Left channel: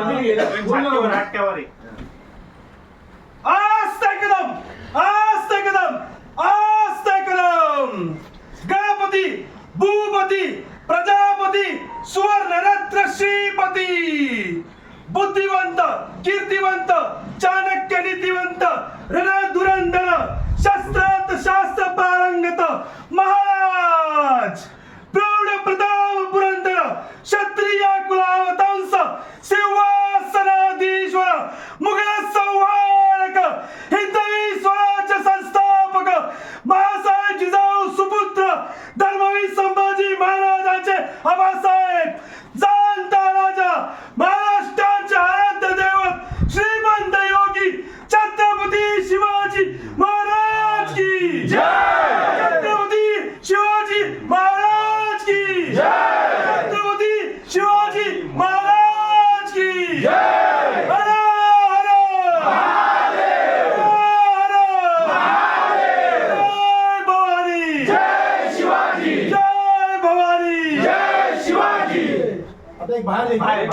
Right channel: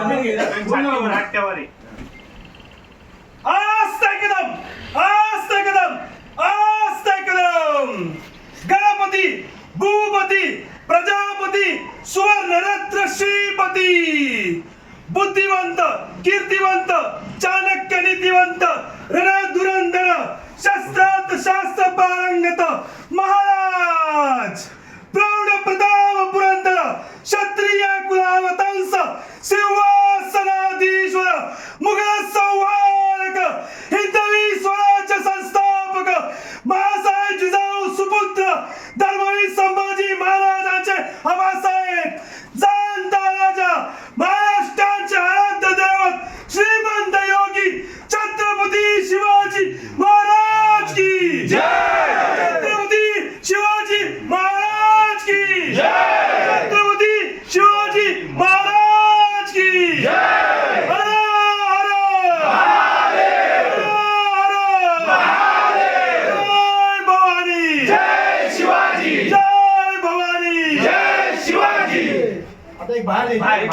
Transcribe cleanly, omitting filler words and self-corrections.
छातीवर आहे. आस्ते कदम, आस्ते कदम, आस्ते कदम. गणपती, भूपती, प्रजापती, सुवर्णरत्न श्रीपती. बुद्धिवंत, कीर्तिवंत, चाणक्य नीतिवंत, रणधुरंधर, शस्त्रात शास्त्र पारंगत महाराज. प्रौढ प्रताप पुरंदर, क्षत्रिय कुलावतंस, सिंहासनाधीश्वर, मुघल संहारक, हिंदवी स्वराज्य संस्थापक, महासाहेब जिजाऊ सुपुत्र, धर्मवीर संभाजी महाराजांचे आबासाहेब, जाणता राजा, महाराष्ट्राचे आराध्य दैवत, श्रीमंत योगी छत्रपती शिवाजी महाराज की जय. छत्रपती शिवाजी महाराज की जय. छत्रपती शिवाजी महाराज की जय. हर हर महादेव, हर महादेव. जय भवानी, जय शिवाजी, जय भवानी, जय शिवाजी. आता एक बाहेर बाहेर.